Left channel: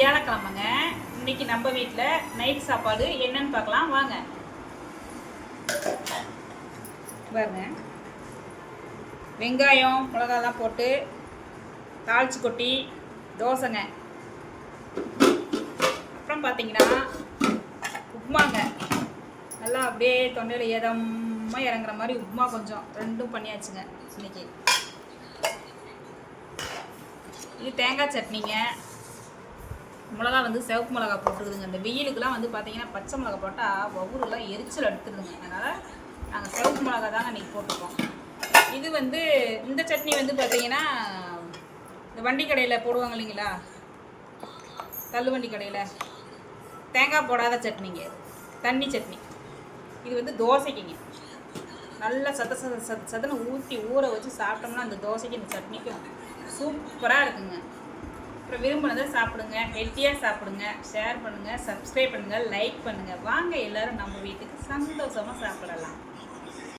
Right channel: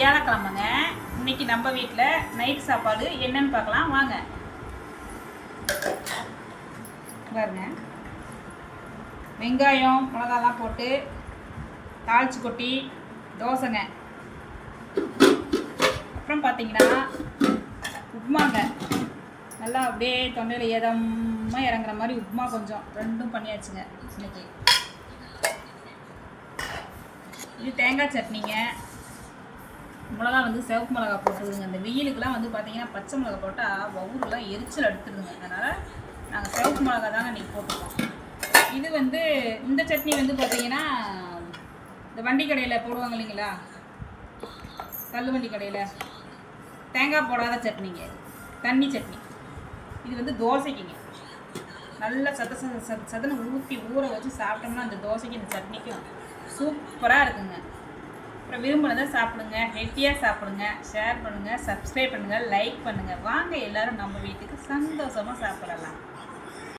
வியாழக்கிழமைங்க. இன்னைக்கு நம்ம வீட்டில் நைட் சாப்பாடு என்னன்னு பார்க்கலாம் வாங்க. பாருங்க, வெங்காயம் மிளகாலாம் போட்டு தாளிச்சு கொட்டி தோசைங்க. அப்புறம் பார்த்தீங்கன்னா உப்புமாங்க. நல்லா அப்படியே தொண்டையில் எதமாக இறங்குற மாதிரி உப்புமா கொஞ்சம் ரெண்டும் பண்ணியாச்சுங்க இன்னைக்கு. இது தேங்காய் சட்னிங்க. மிளகா வந்து சிவப்பு மிளகா போட்டுருதுங்க. இந்த வெயிலுக்கெல்லாம் வந்து பார்த்தீங்கன்னா பச்சை மிளகா போட்டால் வவுறுலாம் எரிச்சல் எடுத்துருதுங்க. அதனால் நாங்கள் சிவப்பு மிளகா தாங்க இன்றைக்கி போட்டுருக்கோம். இது வந்து இந்த சட்னி வந்து பார்த்தீங்கன்னா இந்த வண்டி கடையில் போடுவாங்க இல்லைங்களா, தள்ளுவண்டி கடையில் தேங்காய் போடாத சட்னிங்க, தண்ணி சட்னி. இது வந்து தோசைக்குங்க. நல்லா சதனை ஊற்றி ஊற வச்சு சாப்பிட்டோம்னா அந்த தோசைக்கு இந்த சட்னிக்கு சூப்பராக இருக்குங்க. அப்புறம் விரும்பினதை சாப்பிடுங்க, ஹெல்த்தியாக சாப்பிடுங்க, ஷேர் பண்ணுங்கள், சப்ஸ்கிரைப் பண்ணுங்கள், லைக் பண்ணுங்கள். வாங்க எல்லோரும் நம்ம வீட்டுக்கு சந்தோஷமாக சாப்பிடலாம்.